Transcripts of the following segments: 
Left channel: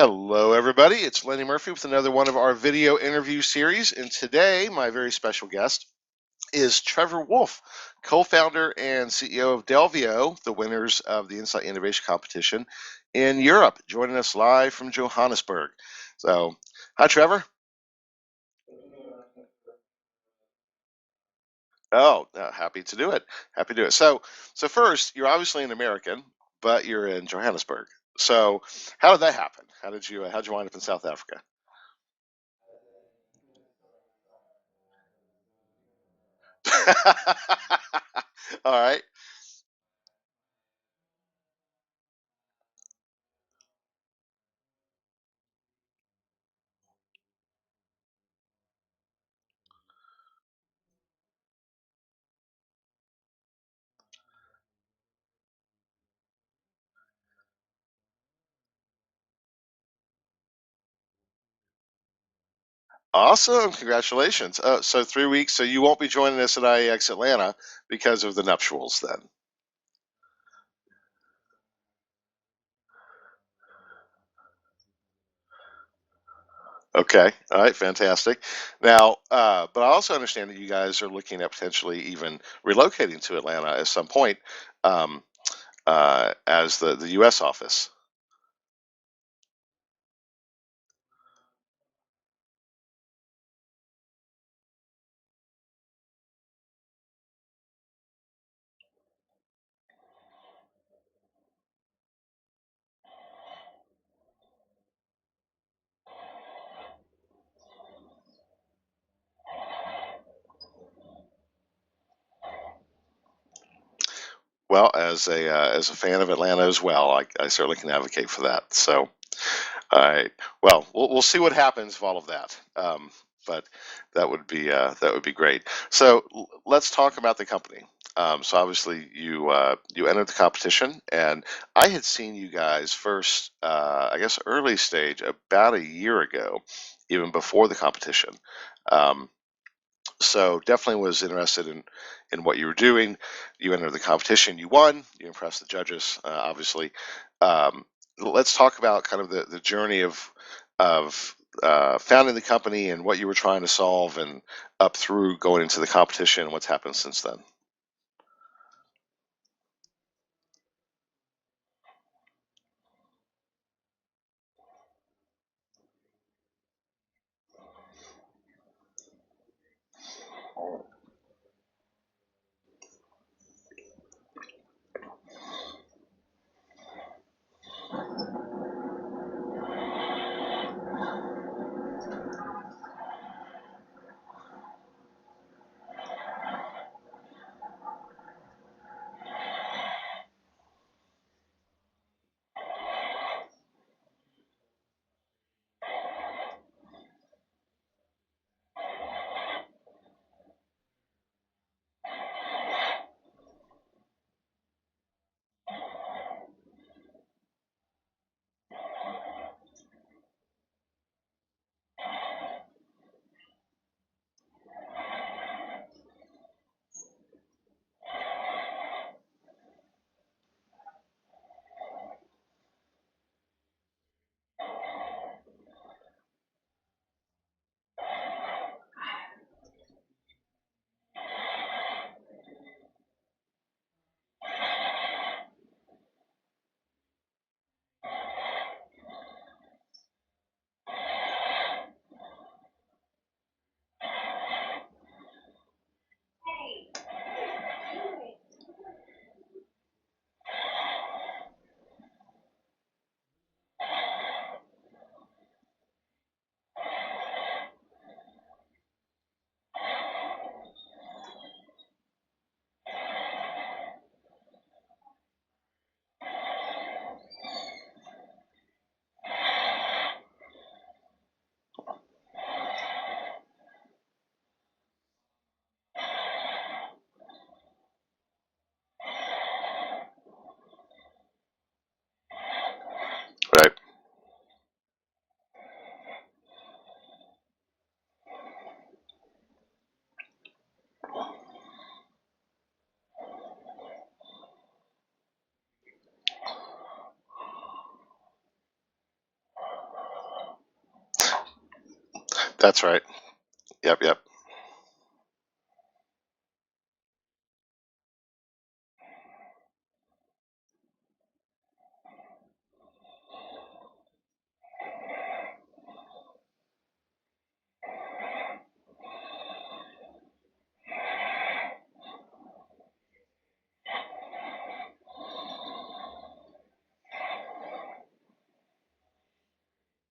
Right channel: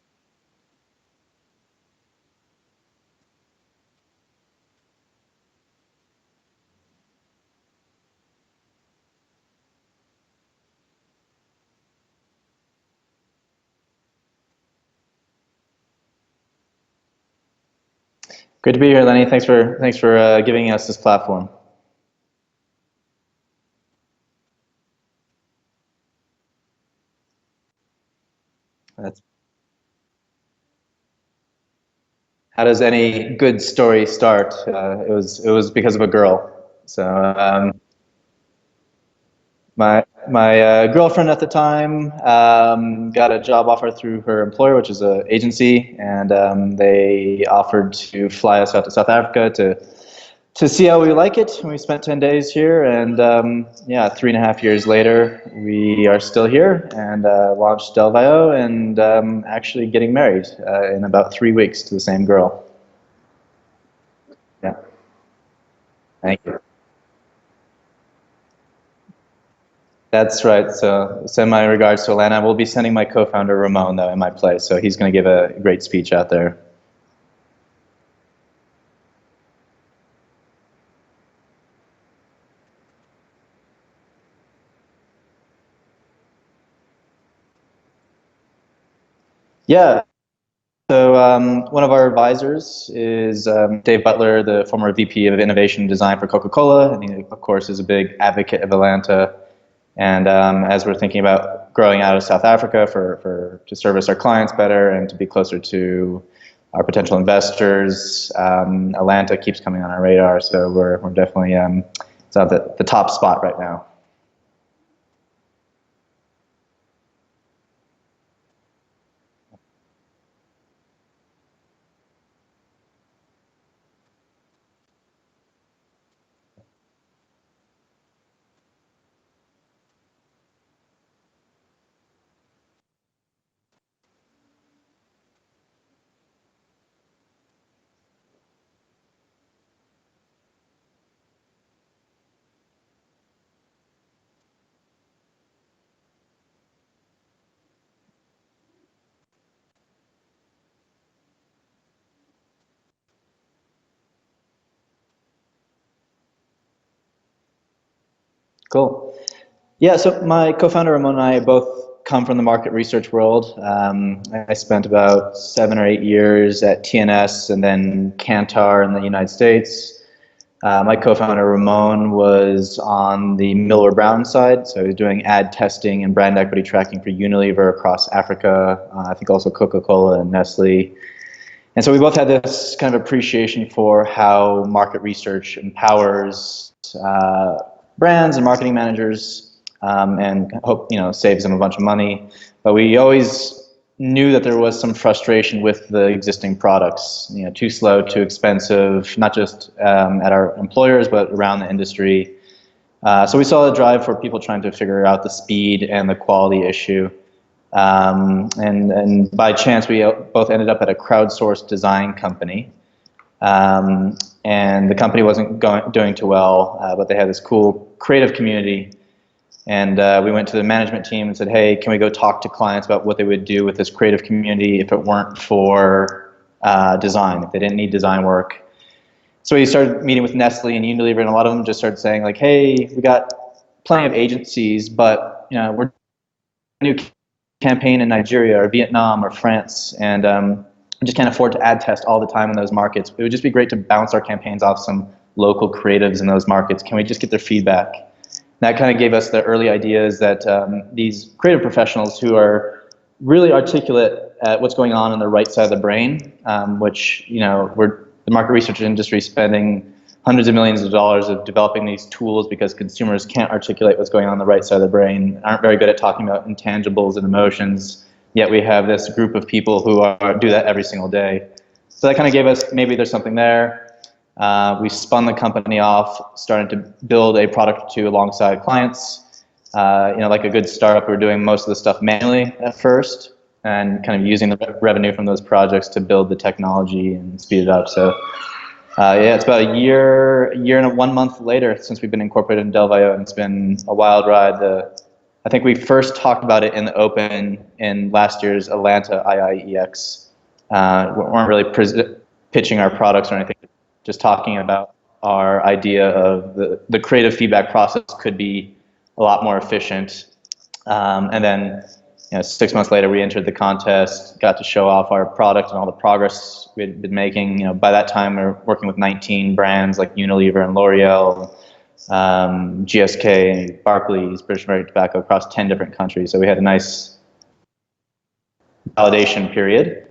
Hello, everybody. It's Lenny Murphy with another one of our video interview series. And today, my very special guest is Trevor Wolfe, co-founder and CEO of Delvio, the winners of the Insight Innovation Competition in Europe, joining us live from Johannesburg. So, hi, Trevor. Great to be here, Lenny. Thanks for giving us this platform. Oh, happy to do it. Happy to do it. So first, you're obviously an American, but you're in Johannesburg. So, how did that happen? How'd you wind up in South Africa? How does any good story start? It was because of a girl. So All right. my girlfriend at the time got a job offer through her employer, which is an agency, and they offered to fly us out to South Africa to see how we like it. And we spent 10 days here, and yeah, 3.5 years later, we are still here and launched Delvio and actually getting married in about 3 weeks to the same girl. Awesome. Congratulations. Yeah. So 3 weeks. So you won't be joining Thank us you. at IIeX Atlanta because of the nuptials then. That's right. So send my regards to Atlanta. We'll be sending my co-founder Ramon though in my place, so he's going to give a great speech out there. Okay. All right. Fantastic. Now, but I also understand that you guys are looking at potentially even relocating to Atlanta at some point um, as the U.S. office. Yeah. So one of our advisors is Dave Butler, the former VP of Innovation and Design for Coca-Cola, and he, of course, is a big advocate of Atlanta. And as we're thinking about growing out of South Africa to service our clients better and to be closer to our potential investors, Atlanta keeps coming on our radar. So we're definitely it's at the top spot right now. Well, as a fan of Atlanta as well, I certainly can advocate for that. So. All right. Well, we'll see what happens with all of that. But that would be great. So let's talk about the company. So obviously you entered the competition, and I had seen you guys first, I guess early stage about a year ago, even before the competition. Um, so definitely was interested in what you were doing. You entered the competition, you won, you impressed the judges, obviously. Um, let's talk about kind of the journey of founding the company and what you were trying to solve, and up through going into the competition and what's happened since then. Cool. Yeah, so my co-founder Ramon and I both come from the market research world. I spent about 7 or 8 years at TNS and then Kantar in the United States. My co-founder Ramon was on the Miller Brown side, so he was doing ad testing and brand equity tracking for Unilever across Africa, I think also Coca-Cola and Nestle. And so we both had this kind of appreciation for how market research empowers brands and marketing managers, and hope saves them a bunch of money. But we always knew that there was some frustration with the existing products. Too slow, too expensive, not just at our employers but around the industry. So we saw a drive for people trying to figure out the speed and the quality issue. And by chance, we both ended up at a crowdsourced design company. And the company wasn't doing too well, but they had this cool creative community. And we went to the management team and said, hey, can we go talk to clients about what they would do with this creative community if it weren't for design, if they didn't need design work. So we started meeting with Nestle and Unilever, and a lot of them just started saying, like, hey, we got plenty of agencies, but we're new campaign in Nigeria or Vietnam or France, and we just can't afford to ad test all the time in those markets. It would just be great to bounce our campaigns off some local creatives in those markets. Can we just get their feedback? That kind of gave us the early ideas that these creative professionals who are really articulate at what's going on the right side of the brain, which we're the market research industry spending hundreds of millions of dollars of developing these tools because consumers can't articulate what's going on the right side of the brain, aren't very good at talking about intangibles and emotions, yet we have this group of people who do that every single day. So that kind of gave us, maybe there's something there. We spun the company off, started to build a product or two alongside clients. Like a good startup, we were doing most of the stuff manually at first, Right. and kind of using the revenue from those projects to build the technology and speed it up. So yeah, it's about a year and 1 month later since we've been incorporated in Delvio, and it's been a wild ride. I think we first talked about it in the open in last year's Atlanta IIeX. We weren't really pitching That's our right. products or anything, Yep, yep. just talking about our idea of the creative feedback process could be a lot more efficient. And then 6 months later, we entered the contest, got to show off our product and all the progress we had been making. By that time, we were working with 19 brands like Unilever and L'Oreal, GSK, Barclays, British American Tobacco across 10 different countries. So we had a nice validation period.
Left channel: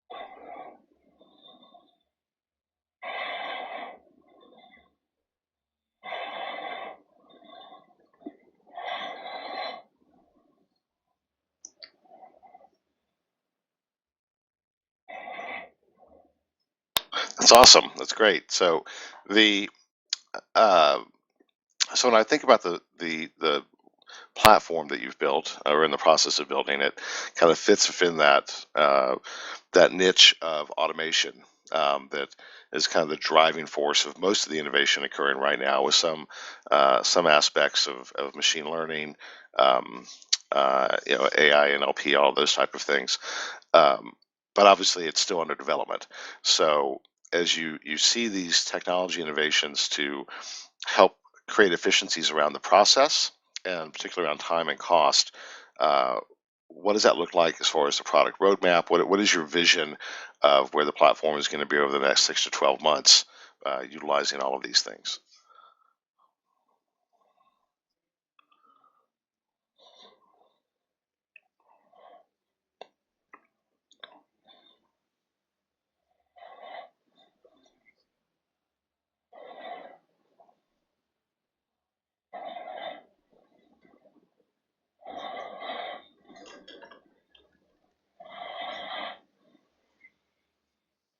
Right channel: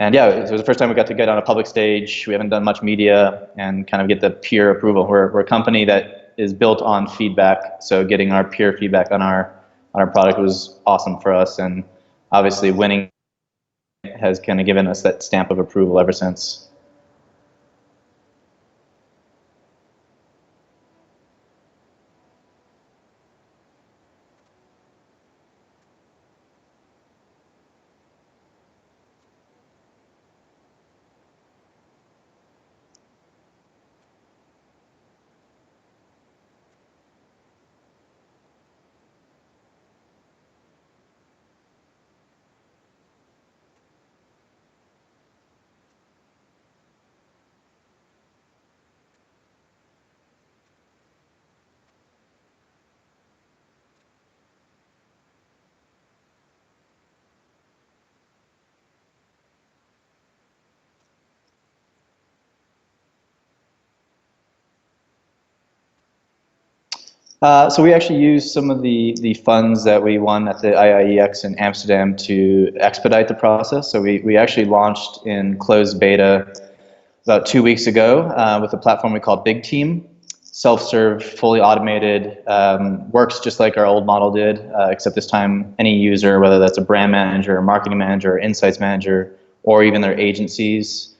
And yeah, it was the first time we got to get on a public stage. We haven't done much media and kind of get the peer approval. We're a company that is built on feedback. So getting our peer feedback on our product was awesome for us. And obviously winning has kind of given us that stamp of approval ever since. That's awesome. That's great. So the uh, so when I think about the platform that you've built or in the process of building it, kind of fits within that niche of automation that is kind of the driving force of most of the innovation occurring right now, with some aspects of machine learning, AI, NLP, all those type of things. But obviously, it's still under development. So as you see these technology innovations to help create efficiencies around the process, and particularly around time and cost, uh, what does that look like as far as the product roadmap? What is your vision of where the platform is going to be over the next 6 to 12 months, utilizing all of these things? So we actually used some of the funds that we won at the IIeX in Amsterdam to expedite the process. So we actually launched in closed beta about 2 weeks ago with a platform we call Big Team. Self-serve, fully automated, works just like our old model did, except this time any user, whether that's a brand manager, marketing manager, insights manager, or even their agencies,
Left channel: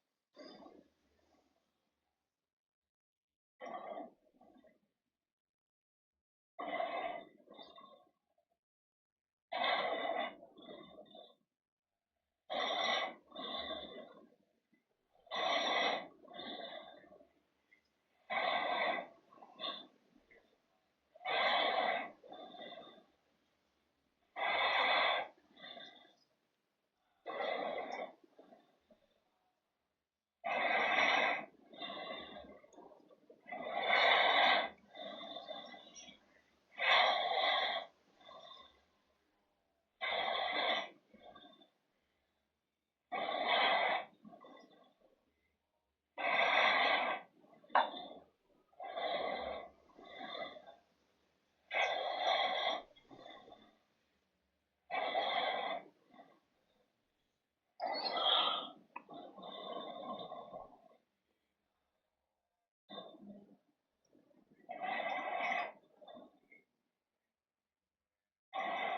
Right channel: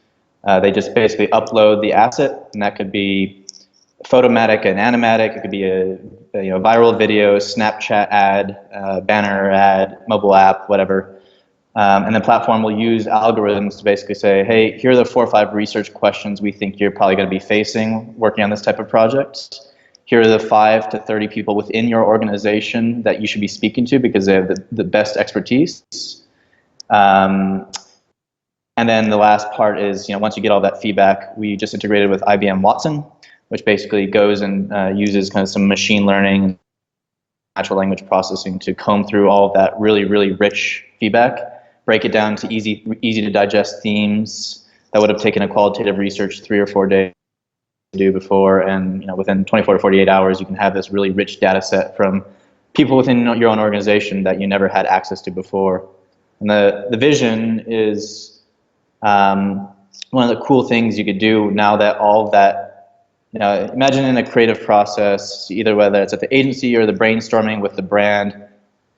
they just basically upload the asset, and that could be photomatic and animatic. It could be a viral video, Snapchat ad, banner ad, mobile app, whatever. And the platform will use algorithms to basically say, hey, here are the 4 or 5 research questions we think you're probably going to be facing working on this type of project. Here are the 5 to 30 people within your organization that you should be speaking to because they have the best expertise. Um, and then the last part is, once you get all that feedback, we just integrated with IBM Watson, which basically goes and uses kind of some machine learning, natural language processing to comb through all of that really, really rich feedback, break it down to easy to digest themes that would have taken a qualitative research 3 or 4 days to do before, and within 24 to 48 hours, you can have this really rich data set from people within your own organization that you never had access to before. And the vision is one of the cool things you could do now that all of that, imagine in a creative process, either whether it's at the agency or the brainstorming with the brand,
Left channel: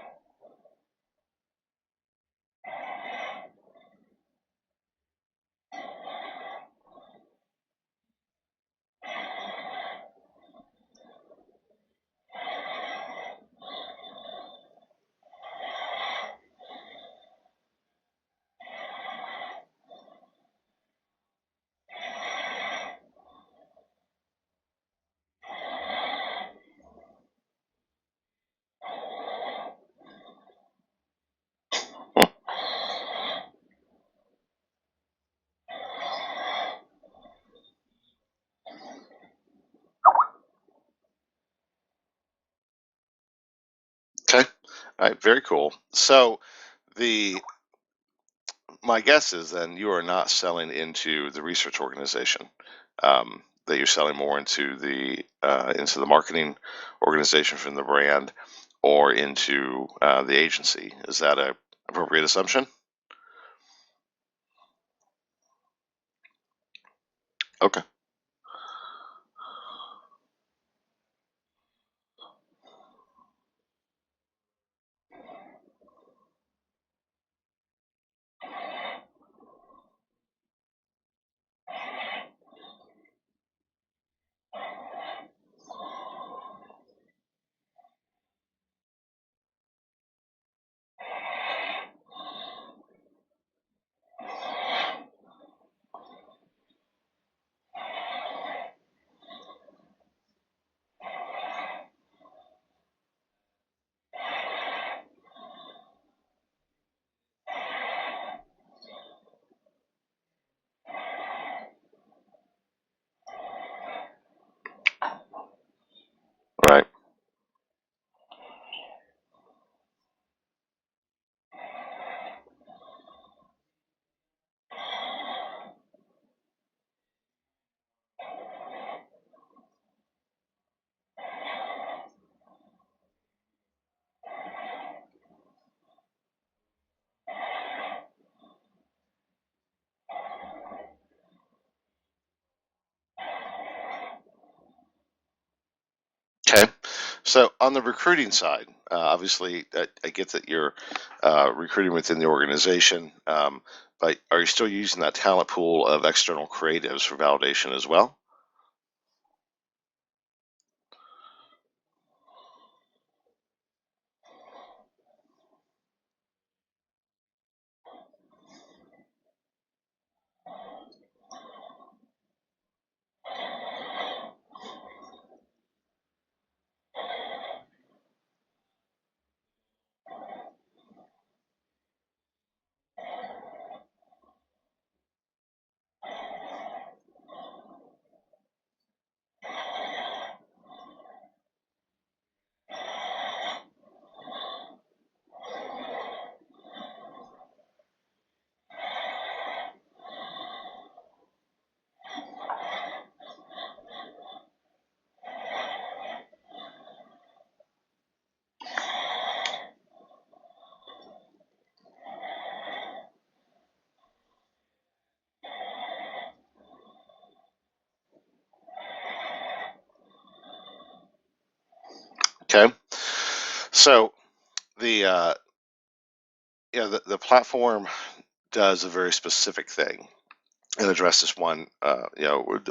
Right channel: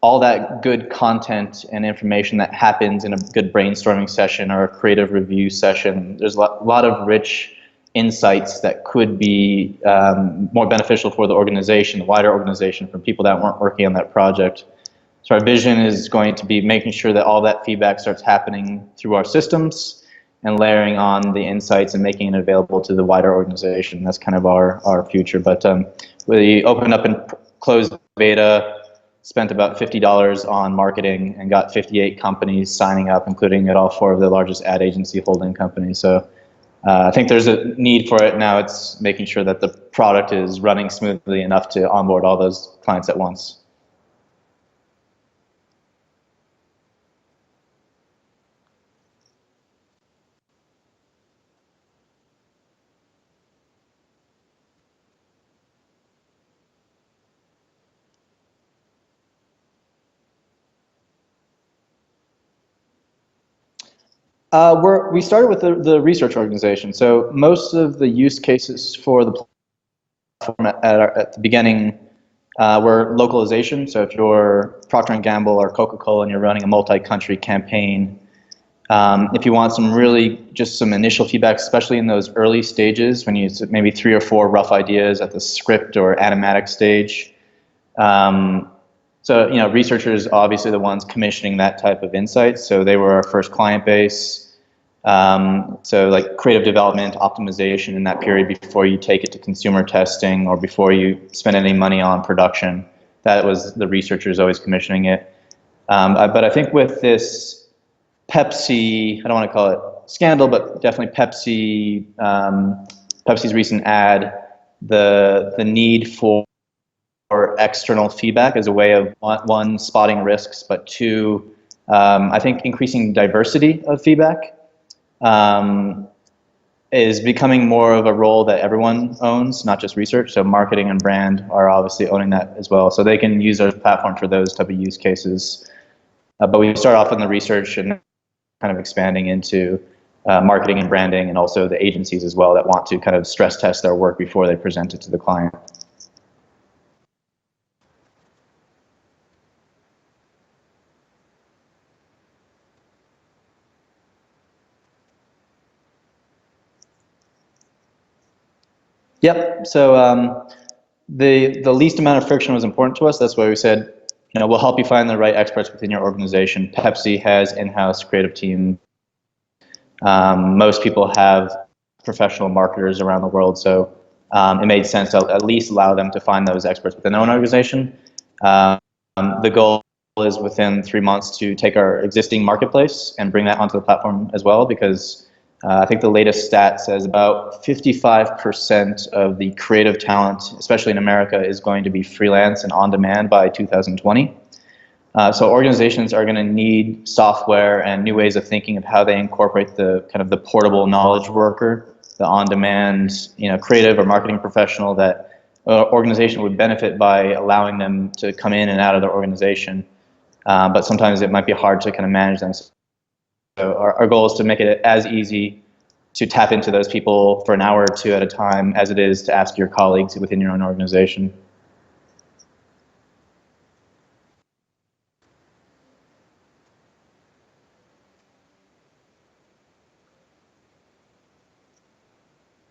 all that good content and information that happens in a good brainstorming session or a creative review session. There's a lot of rich insights that could be more beneficial for the organization, the wider organization, for people that weren't working on that project. So our vision is going to be making sure that all that feedback starts happening through our systems and layering on the insights and making it available to the wider organization. That's kind of our future. But we opened up in closed beta, spent about $50 on marketing, and got 58 companies signing up, including at all 4 of the largest ad agency holding companies. So I think there's a need for it now. It's making sure that the product is running smoothly enough to onboard all those clients at once. Okay. All right. Very cool. So the my guess is then you are not selling into the research organization. That you're selling more into the marketing organization from the brand, or into the agency. Is that a appropriate assumption? We started with the research organization. So most Okay. of the use cases for the platform at the beginning were localization. So if you're Procter & Gamble or Coca-Cola and you're running a multi-country campaign, if you want just some initial feedback, especially in those early stages when you maybe 3 or 4 rough ideas at the script or animatic stage. So researchers obviously the ones commissioning that type of insights. So they were our first client base. So like creative development, optimization in that period before you take it to consumer testing or before you spend any money on production. that was the researchers always commissioning it. But I think with this Pepsi, I don't want to call it scandal, but definitely Pepsi's recent ad, the need for Right. external feedback as a way of one, spotting risks, but two, I think increasing diversity of feedback is becoming more of a role that everyone owns, not just research. So marketing and brand are obviously owning that as well. So they can use our platform for those type of use cases. But we start off in the research and kind of expanding into marketing and branding, and also the agencies as well that want to kind of stress test their work before they present it to the client. Okay. So on the recruiting side, obviously, I get that you're recruiting within the organization, but are you still using that talent pool of external creatives for validation as well? Yep. So the least amount of friction was important to us. That's why we said, we'll help you find the right experts within your organization. Pepsi has in-house creative team. Most people have professional marketers around the world, so it made sense to at least allow them to find those experts within their own organization. The goal is within 3 months to take our existing marketplace and bring that onto the platform as well, because I think the latest stat says about 55% of the creative talent, especially in America, is going to be freelance and on demand by 2020. So organizations are going to need software and new ways of thinking of how they incorporate the kind of the portable knowledge worker, the on-demand, creative or marketing professional that organization would benefit by allowing them to come in and out of their organization. But sometimes it might be hard to kind of manage them. So our goal is to make it as easy to tap into those people for an hour or two at a time as it is to ask your colleagues within your own organization. Okay. So the the platform does a very specific thing and addresses one, a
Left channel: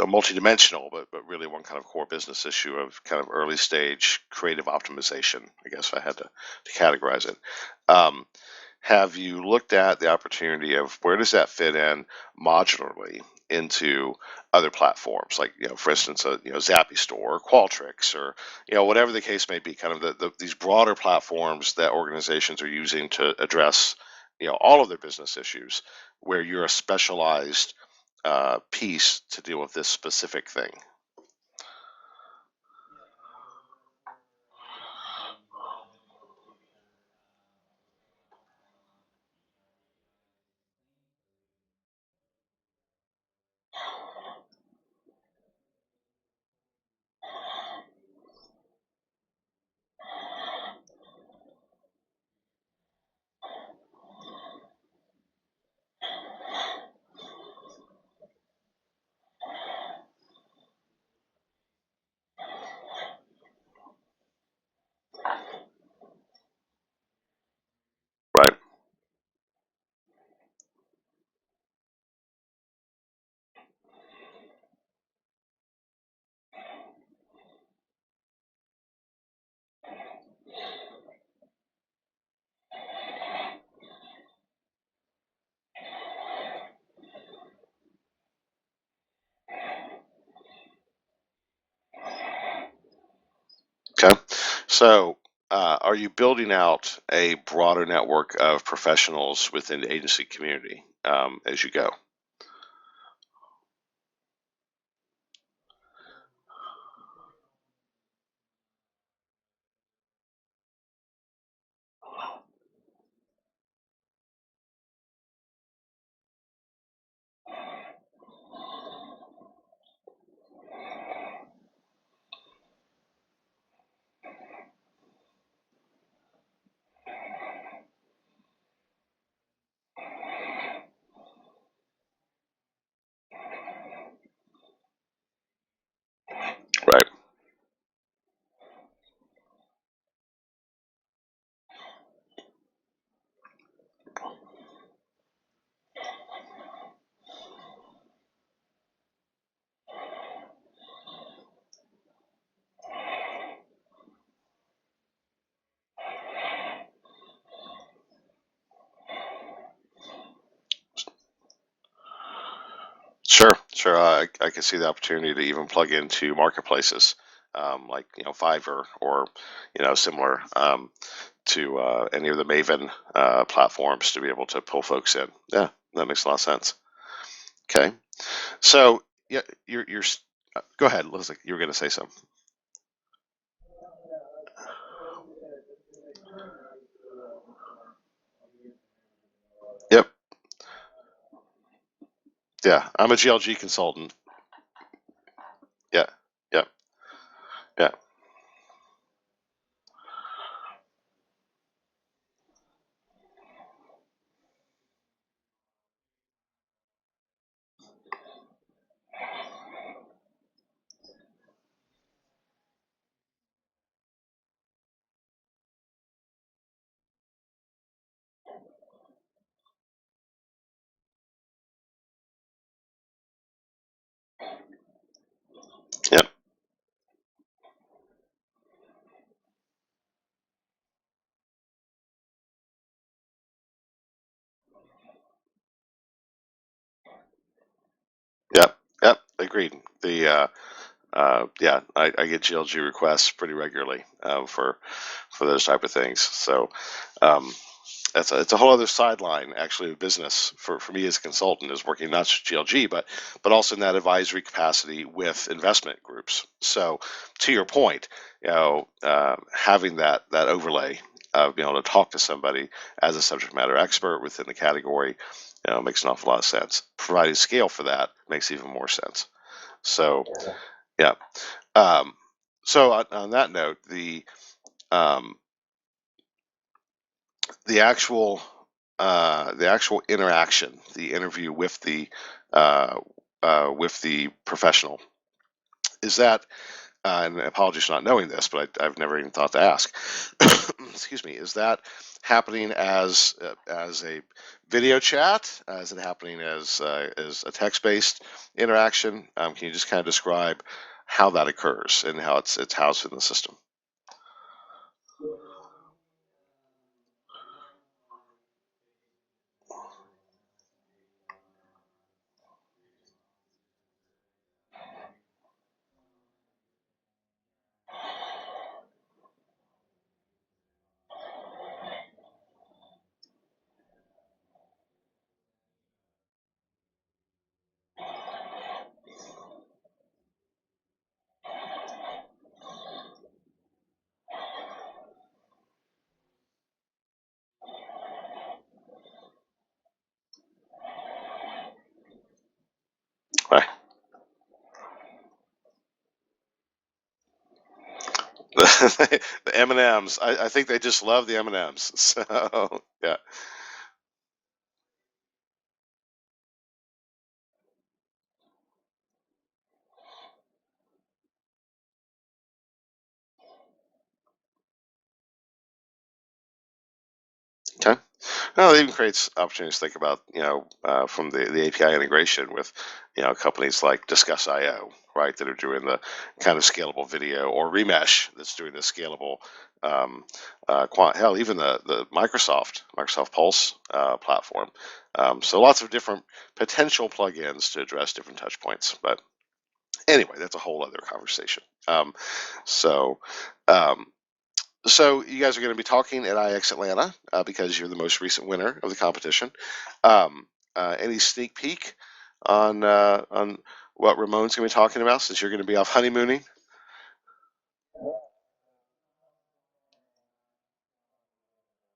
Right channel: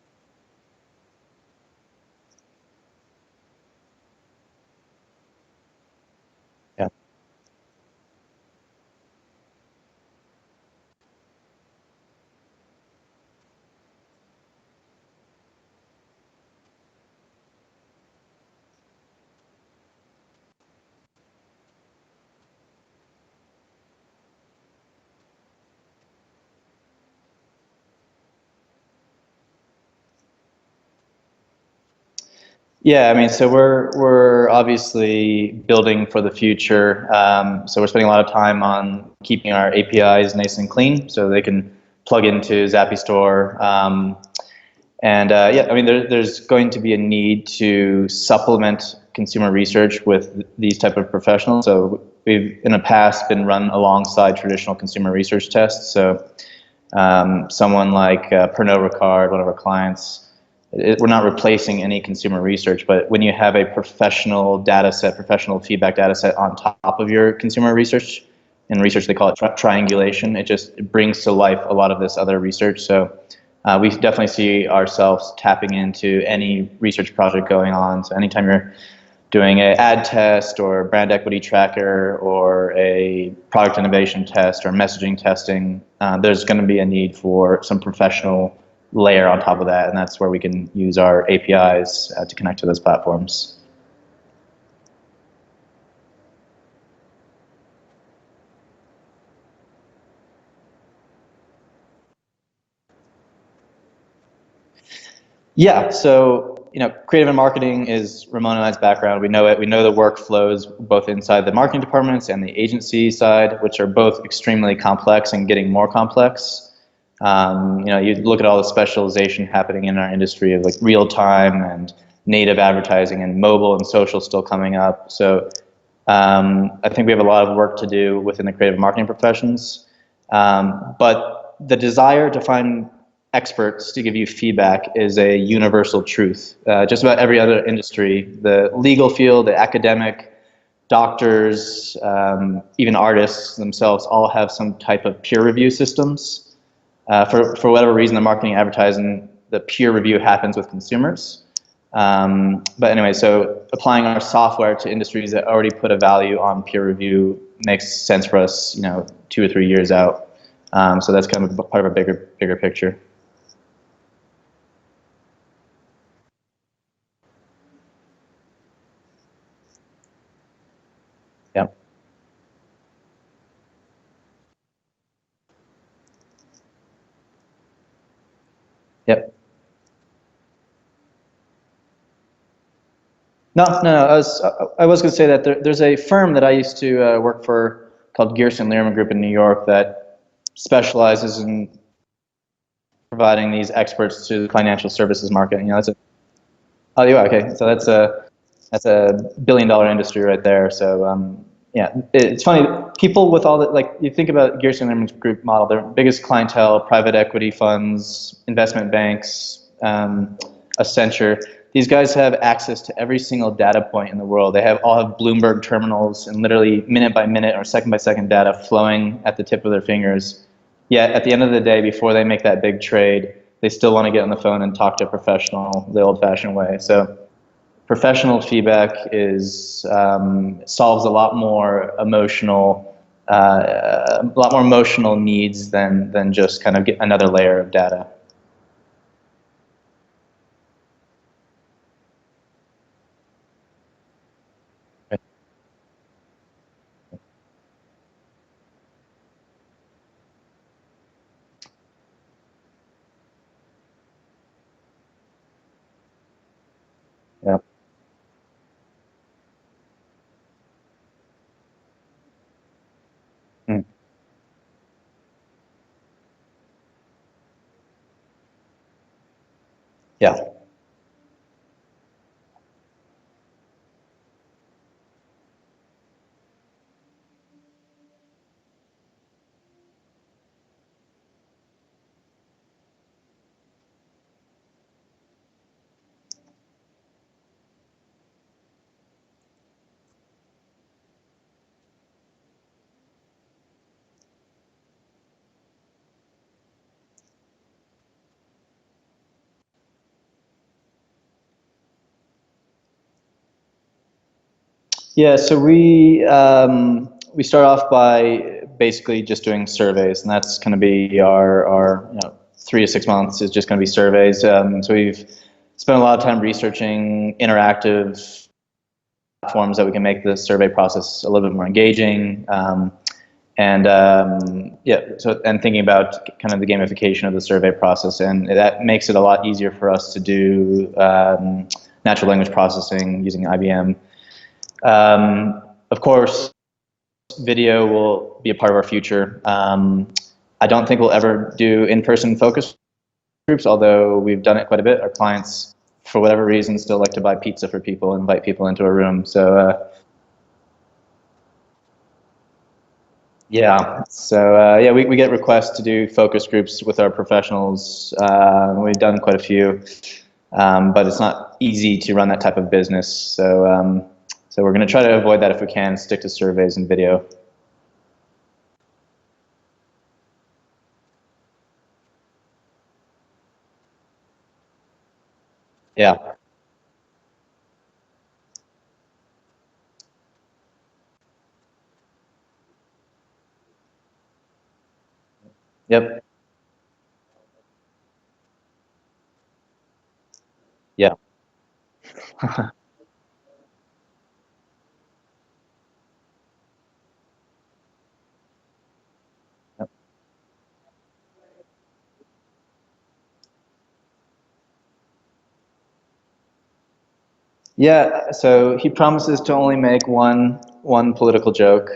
multidimensional, but really one kind of core business issue of kind of early stage creative optimization, I guess if I had to categorize it. Have you looked at the opportunity of where does that fit in modularly into other platforms, like for instance, Zappy Store or Qualtrics, or whatever the case may be, kind of these broader platforms that organizations are using to address all of their business issues, where you're a specialized piece to deal with this specific thing. Yeah, I mean, so we're obviously building for the future. So we're spending a lot of time on keeping our APIs nice and clean, so they can plug into Zappy Store. Yeah, I mean, there's going to be a need to supplement consumer research with these type of professionals. So we've in the past been run alongside traditional consumer research tests. So someone like Pernod Ricard, one of our clients. We're not replacing any consumer research, but when you have a professional data set, professional feedback data set on top of your consumer research, right? In research they call it triangulation. It brings to life a lot of this other research. So we definitely see ourselves tapping into any research project going on. So anytime you're doing an ad test or brand equity tracker or a product innovation test or messaging testing, there's going to be a need for some professional layer on top of that, and that's where we can use our APIs to connect to those platforms. Okay. So are you building out a broader network of professionals within the agency community as you go? Yeah, so creative and marketing is Ramon and I's background. We know it. We know the workflows both inside the marketing departments and the agency side, which are both extremely complex and getting more complex. You look at all the specialization happening in our industry of like real time and native advertising and mobile and social still coming up. So I think we have a lot of work to do within the creative marketing professions. But the desire to find experts to give you feedback is a universal truth. Just about every other industry, the legal field, the academic, doctors, even artists themselves all have some type of peer review systems. For whatever reason, the marketing advertising, the peer review happens with consumers. But anyway, so applying our software to industries that already put a value on peer review makes sense for us, 2 or 3 years out. So that's kind of part of a bigger picture. Sure. I can see the opportunity to even plug into marketplaces like Fiverr or similar Yep. to any of the Maven platforms to be able to pull folks in. Yeah, that makes a lot of sense. Okay, so Yep. yeah, you're go ahead, Leslie. You were going to say something. No. I was going to say that there's a firm that I used to work for called Gearson Lehrman Group in New York Yep. that specializes in Yeah, I'm a providing GLG these consultant. experts to the financial services market. That's a Yeah. Yep. oh, you are okay. So Yeah. that's a billion-dollar industry right there. So yeah, it's funny. People with all that, like you think about Gearson Lehrman Group model, their biggest clientele, private equity funds, investment banks, Accenture. These guys have access to every single data point in the world. They all have Bloomberg terminals and literally minute by minute or second by second data flowing at the tip of their fingers. Yet at the end of the day, before they make that big trade, they still want to get on the phone and talk to a professional the Yep. old-fashioned way. So professional feedback solves a lot more emotional needs than just kind of get another layer of data. Yep. Yep. Agreed. Yeah, I get GLG requests pretty regularly for those type of things. So um, it's a whole other sideline actually of business for me as a consultant, is working not just GLG but also in that advisory capacity with investment groups. So to Yeah. your point, having that overlay of being able to talk to somebody as a subject matter expert within the category, makes an awful lot of sense. Providing scale for that makes even more sense. So Yeah. yeah. So on that note, um, the actual interaction, the interview uh, with the professional, is that, and apologies for not knowing this, but I've never even thought to ask. Excuse me. Is that happening as a video chat? Is it happening as a text-based interaction? Can you just kind of describe how that occurs and how it's housed in the system? Yeah, so we start off by basically just doing surveys, and that's going to be our 3 to 6 months is just going to be surveys. So we've spent a lot of time researching interactive platforms that we can make the survey process a little bit more engaging. And thinking about kind of the gamification of the survey process, and that makes it a lot easier for us to do natural language processing using IBM. Of course, video will be a part of our future. I don't think we'll ever do in-person focus groups, Right. although we've done it quite a bit. Our clients, for whatever reason, still like to buy pizza for people and invite people into a room. So The M&Ms. I think they just love the M&Ms. So yeah. yeah, we get requests to do focus groups with our professionals. We've done quite a few, but it's not easy to run that type of business. So we're going to try to avoid that if we can, stick to surveys and video. Okay. Well, it even creates opportunities to think about, from the API integration with, companies like Discuss.io, right, that are doing the Yeah. kind of scalable video, or Remesh that's doing the scalable, hell, even the Microsoft Pulse platform. So lots of different Yep. potential plugins to address different touch points. But anyway, that's a whole other Yeah. conversation. So, um, so you guys are going to be talking at IIeX Atlanta because you're the most recent winner of the competition. Um, any sneak peek on what Ramon's going to be talking about, since you're going to be off honeymooning? Yeah, so he promises to only make one political joke.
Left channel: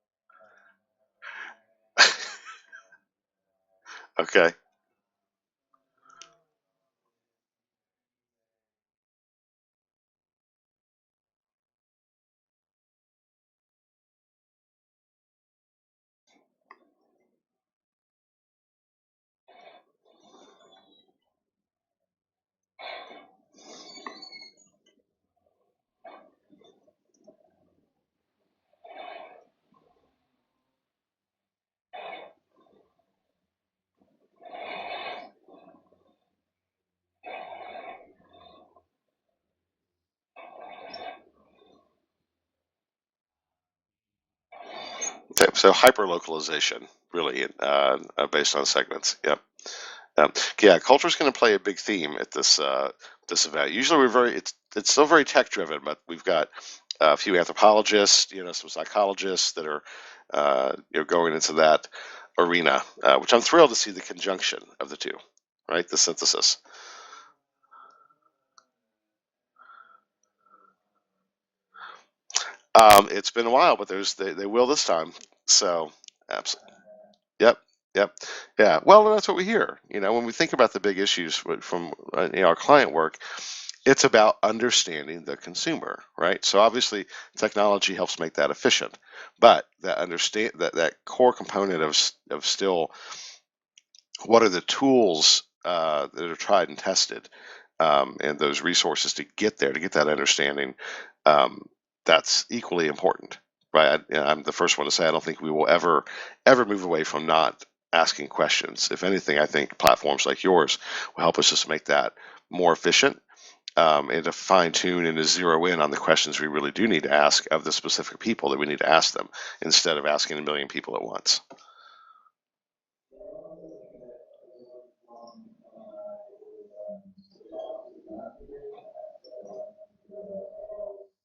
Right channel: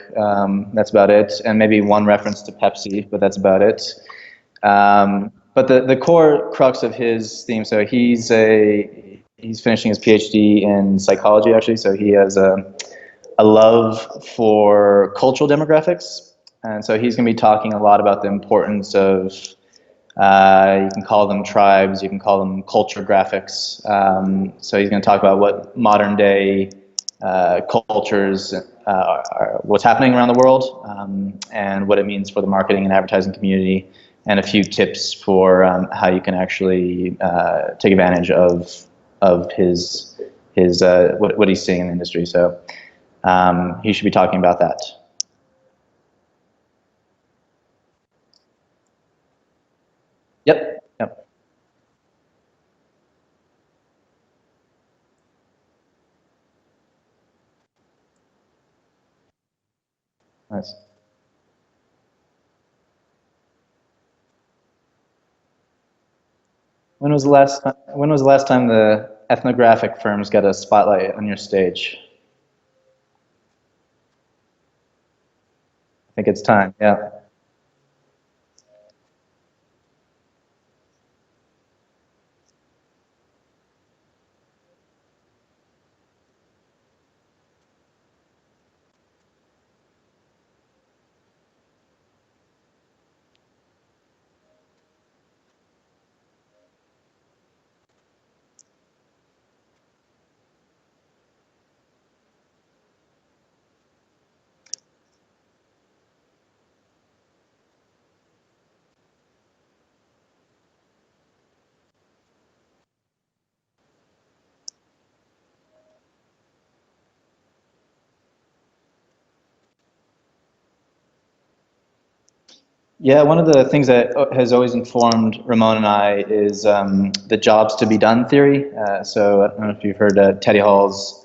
That's about it, and maybe one reference to Pepsi, but that's about it. Okay. But the core crux of his theme, so he's finishing his PhD in psychology, actually. So he has a love for cultural demographics, and so he's going to be talking a lot about the importance of you can call them tribes, you can call them culture graphics. So he's going to talk about what modern day cultures, what's happening around the world, and what it means for the marketing and advertising community, and a few tips for how you can actually take advantage of his what he's seeing in the industry. So he should be talking about that. Okay. So hyper localization, really, based on segments. Yep. Yep. Yeah, culture is Yep. going to play a big theme at this event. Usually, we're very it's still very tech driven, but we've got a few anthropologists, some psychologists that are Nice. going into that arena, which I'm thrilled to see the conjunction of the two, right? The synthesis. When was the last time the ethnographic firms got a spotlight on your stage? It's been a while, but they will this time. So I think it's absolutely. time. Yeah. Yep. Yep. Yeah. Well, that's what we hear. When we think about the big issues from our client work, it's about understanding the consumer, right? So obviously, technology helps make that efficient, but that core component of still what are the tools that are tried and tested, and those resources to get there, to get that understanding, um, that's equally important, right? I'm the first one to say I don't think we will ever move away from not asking questions. If anything, I think platforms like yours will help us just make that more efficient, and to fine tune and to zero in on the questions we really do need to ask of the specific people that we need to ask them instead of asking a million people at once. Yeah, one of the things that has always informed Ramon and I is the jobs to be done theory. So I don't know if you've heard Teddy Hall's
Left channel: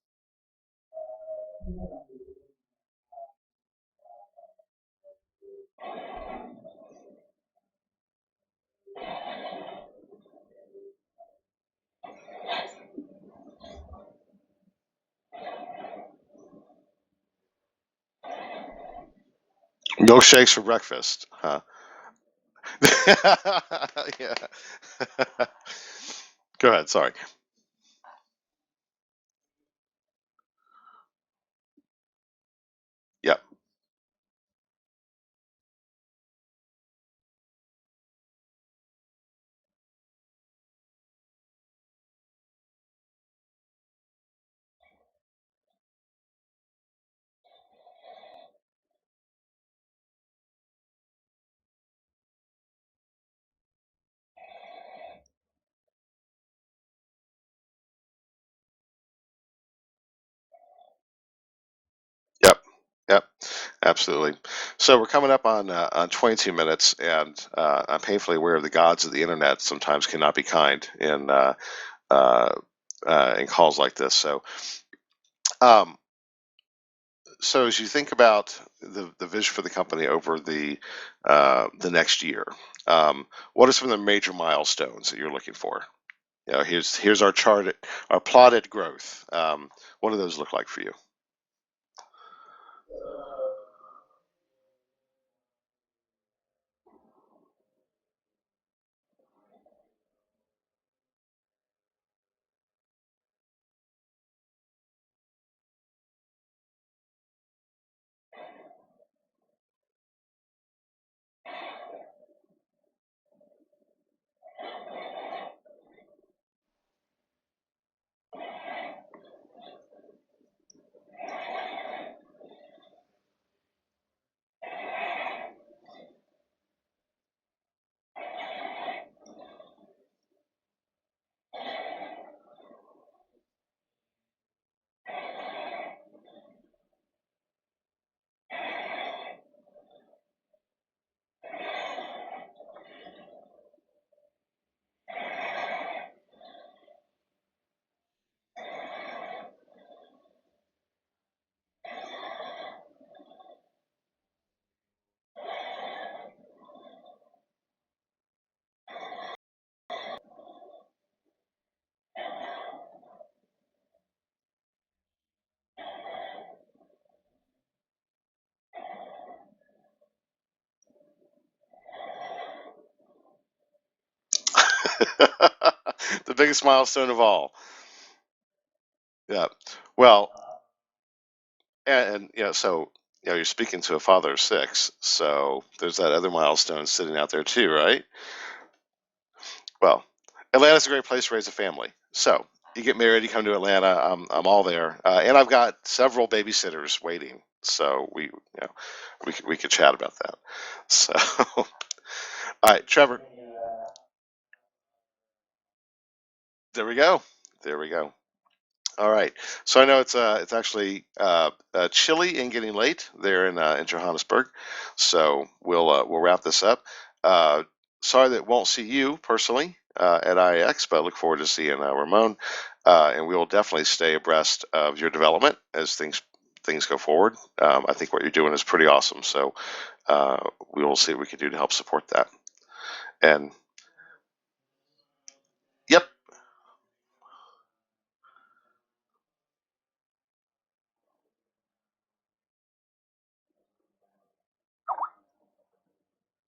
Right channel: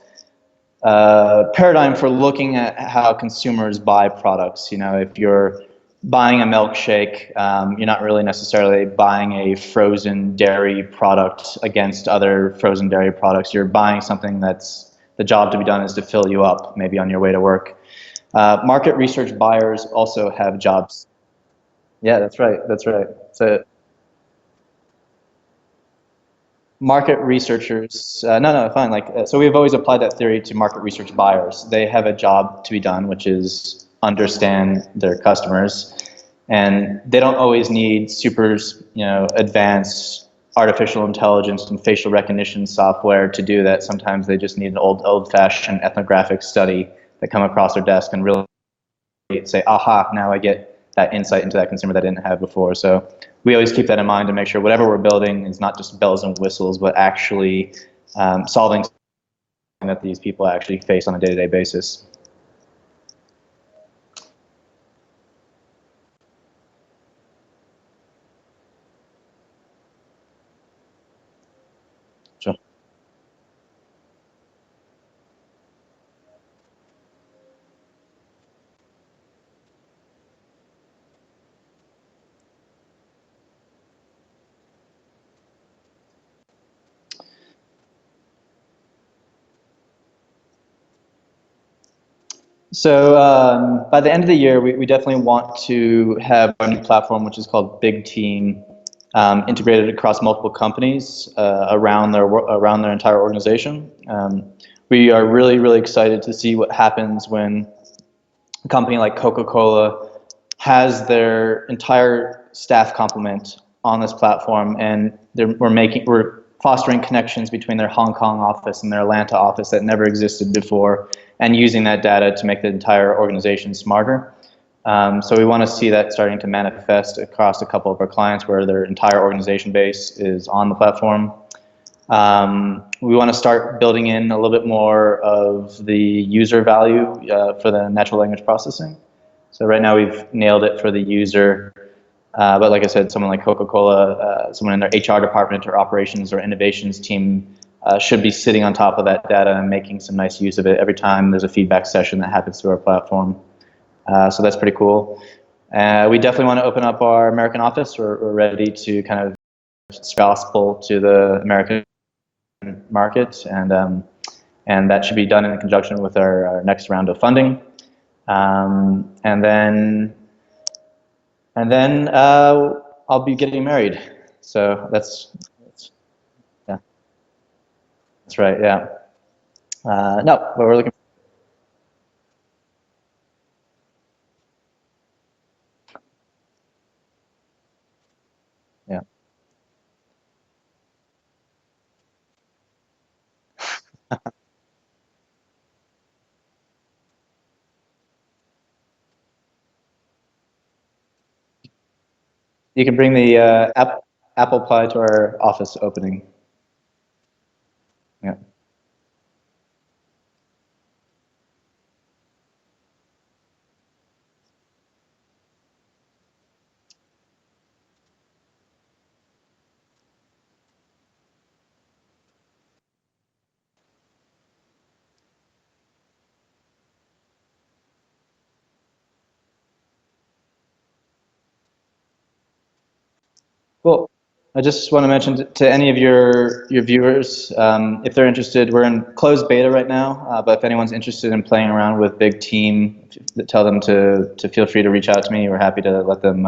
paradigm for looking at how consumers buy products. If you're buying a milkshake, you're not really necessarily buying a frozen dairy product against other frozen dairy products. You're buying something that's the job to be done is to fill you up, maybe on your way to work. Market research buyers also Milkshakes have for jobs. breakfast, huh? Yeah, that's right. That's right. So Yeah. Go ahead. Sorry. market researchers, no, fine. So we've always applied that theory to market research buyers. They have a job to be done, which Yep. is understand their customers, and they don't always need super, advanced artificial intelligence and facial recognition software to do that. Sometimes they just need an old-fashioned ethnographic study that come across their desk and really say, aha, now I get that insight into that consumer that I didn't have before. So we always keep that in mind to make sure whatever we're building is not just bells and whistles, but actually solving something that these people actually face on a day-to-day basis. Yep. Yep. Absolutely. So we're coming up on 22 minutes, and I'm painfully aware of the gods of the internet sometimes cannot be kind uh, Sure. in calls like this. Um, so as you think about the vision for the company over the next year, what are some of the major milestones that you're looking for? Here's our chart, our plotted growth. What do those look like for you? So by the end of the year, we definitely want to have our new platform, which is called Big Team, integrated across multiple companies around their entire organization. We are really, really excited to see what happens when a company like Coca-Cola has their entire staff complement on this platform, and we're fostering connections between their Hong Kong office and their Atlanta office that never existed before, and using that data to make the entire organization smarter. So we want to see that starting to manifest across a couple of our clients where their entire organization base is on the platform. We want to start building in a little bit more of the user value for the natural language processing. So right now we've nailed it for the user, but like I said, someone like Coca-Cola, someone in their HR department or operations or innovations team should be sitting on top of that data and making some nice use of it every time there's a feedback session that happens through our platform. So that's pretty cool. We definitely want to open up our American office. We're ready to kind of gospel to the American market, and that should be done in conjunction with our next round of funding. And then I'll be getting married. So The biggest milestone of all. that's right. Yeah. Yeah. Well, No, but we're looking. and so you're speaking to a father of six, so there's that other milestone sitting out there too, right? Yeah. Well, Atlanta's a great place to raise a family. So you get married, you come to Atlanta, I'm all there, and I've got several babysitters waiting. So we could chat about that. So, all You right, can bring Trevor. the apple pie to our office opening. There we go. There we go. Yeah. All right. So I know it's actually chilly and getting late there in Johannesburg. So we'll wrap this up. Uh, Sorry that won't see you personally at IIeX, but I look forward to seeing Ramon. and we will definitely stay abreast of your development as things go forward. I think what you're doing is pretty awesome, so we will see what we can do to help support that. And Cool. I just want to mention to any of yep, your viewers, if they're interested, we're in closed beta right now, but if anyone's interested in playing around with Big Team, tell them to feel free to reach out to me. We're happy to let them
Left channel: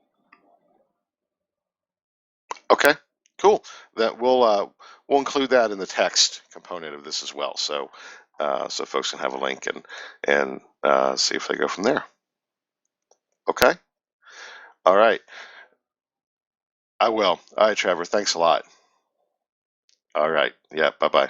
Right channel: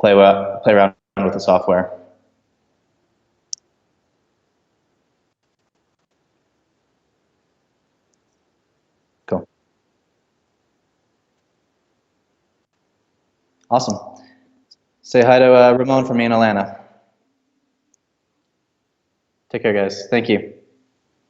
play around with the software. okay, cool. That we'll include that in the text component of this as well, so so folks can have a Cool. link and see if they go from there. Okay. Awesome. All right. Say hi to Ramon from me in Atlanta. I will. All right, Trevor. Thanks a lot. Take care, guys. Thank All right. you. Yeah. Bye bye.